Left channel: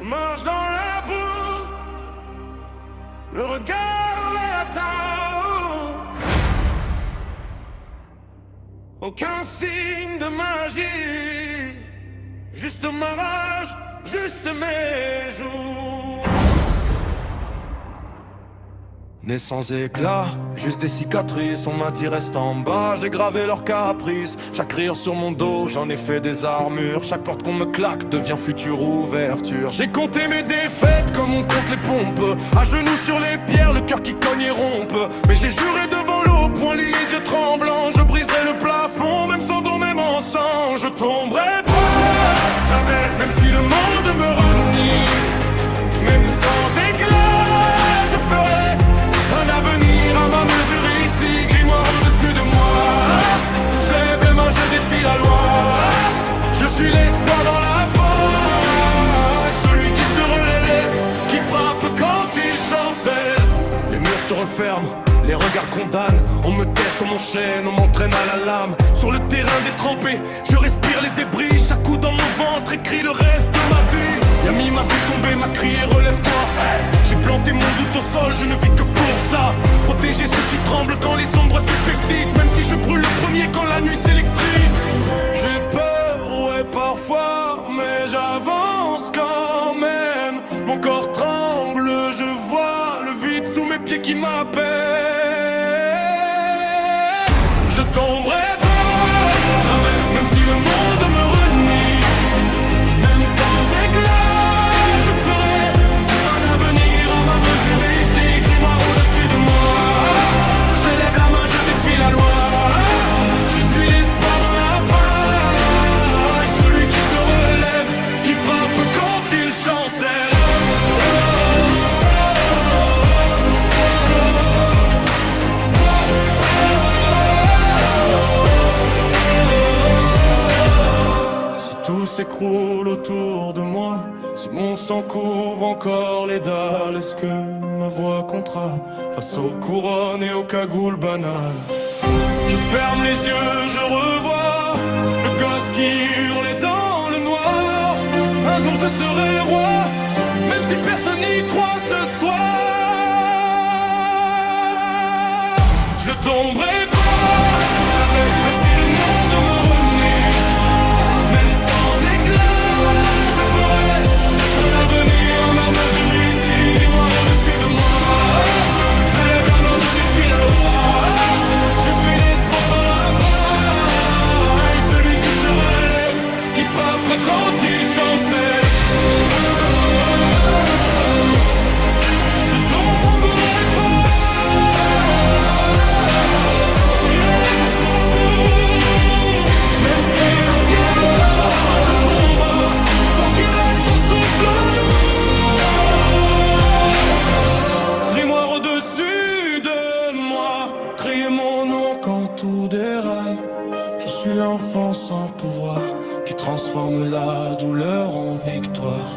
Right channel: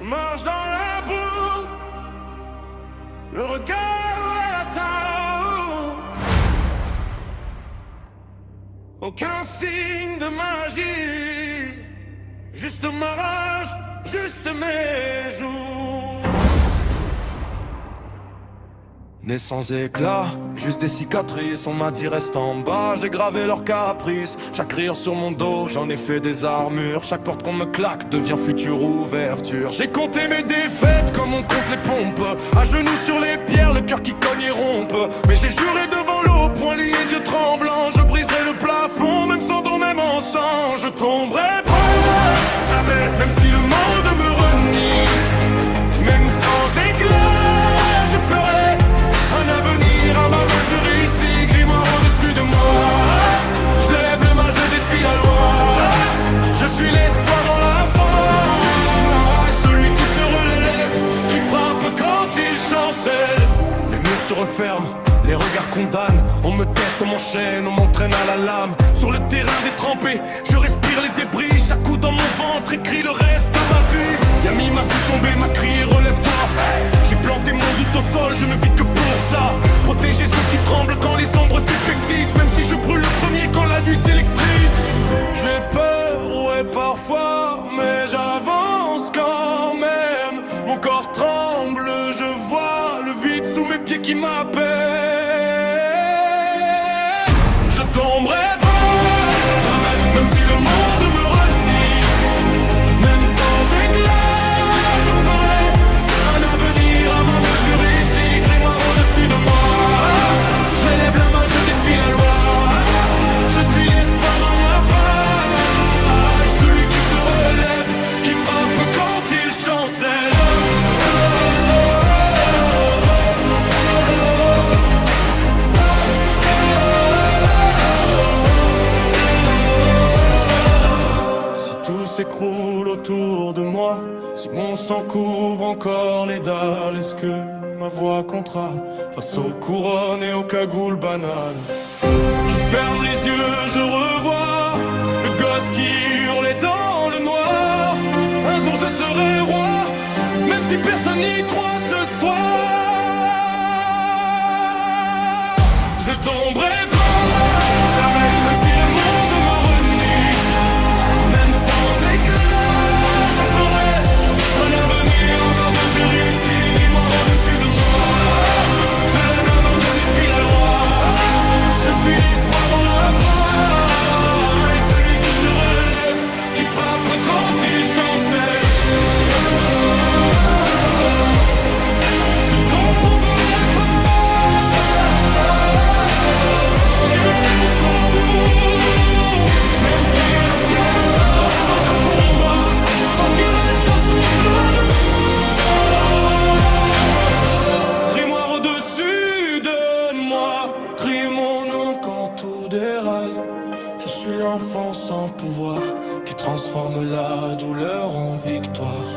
Je marche dans la boue, le regard l'attend. Aucun signe de magie, juste ma rage, juste mes jours. Né sans éclat, juste des cicatrices, on m'a dit reste en bas, j'ai gravé leurs caprices. Chaque rire sur mon dos, j'en ai fait des armures. Chaque porte qu'on me claque devient future ouverture. J'ai compté mes défaites comme on compte les pompes. À genoux sur les pierres, le cœur qui cogne et rompe. Mais j'ai juré devant l'eau, poings liés, yeux tremblants. Je briserai le plafond, même sans don, même en sang. Je tomberai pas, jamais. Même si le monde me renie, même sans éclat, je ferai un avenir à ma mesure ici, grimoire au-dessus de moi. Je lève les mains, je défie la loi. Je suis l'espoir dans la faille, celui qui se relève, qui frappe quand il chancelle. Les murs se referment, les regards condamnent. On me teste, on m'enchaîne, on m'entraîne à la lame. Sur le terrain détrempé, je respire les débris. Chaque coup dans mon ventre écrit le reste de ma vie. Yami m'a vu tomber, m'a crié relève-toi. J'ai planté mon doute au sol, je ne vis que pour ça. Protéger ceux qui tremblent quand les ombres s'épaississent. Même si je brûle le premier quand la nuit s'électrise. J'ai peur, ouais parfois, mais j'avance quand même. Mon corps tremble, je vois le vide sous mes pieds qui m'appelle. Je tomberai pas, jamais. Même si le monde me renie, même sans éclat, je ferai un avenir à ma mesure ici, grimoire au-dessus de moi. Je lève la main, je défie la loi. Je suis l'espoir dans la faille, celui qui se relève, qui frappe quand il chancelle. Si tout s'écroule autour de moi, si mon sang couvre encore les dalles, est-ce que ma voix comptera face aux couronnes et aux cagoules banales? Je ferme les yeux, je revois le gosse qui hurlait dans le noir. Un jour je serai roi, même si personne n'y croit ce soir. Je tomberai pas, jamais, même si le monde me renie. Même sans éclat, je ferai un avenir à ma mesure ici, moi au-dessus de moi. Je lève la main, je défie la loi. Je suis l'espoir dans la faille, celui qui se relève, qui frappe quand il chancelle. Je tomberai pas, j'irai jusqu'au bout. Même si le ciel se fend, je combats, tant qu'il reste un souffle en nous. Grimoire au-dessus de moi, criez mon nom quand tout déraille. Je suis l'enfant sans pouvoir, qui transforme la douleur en victoire.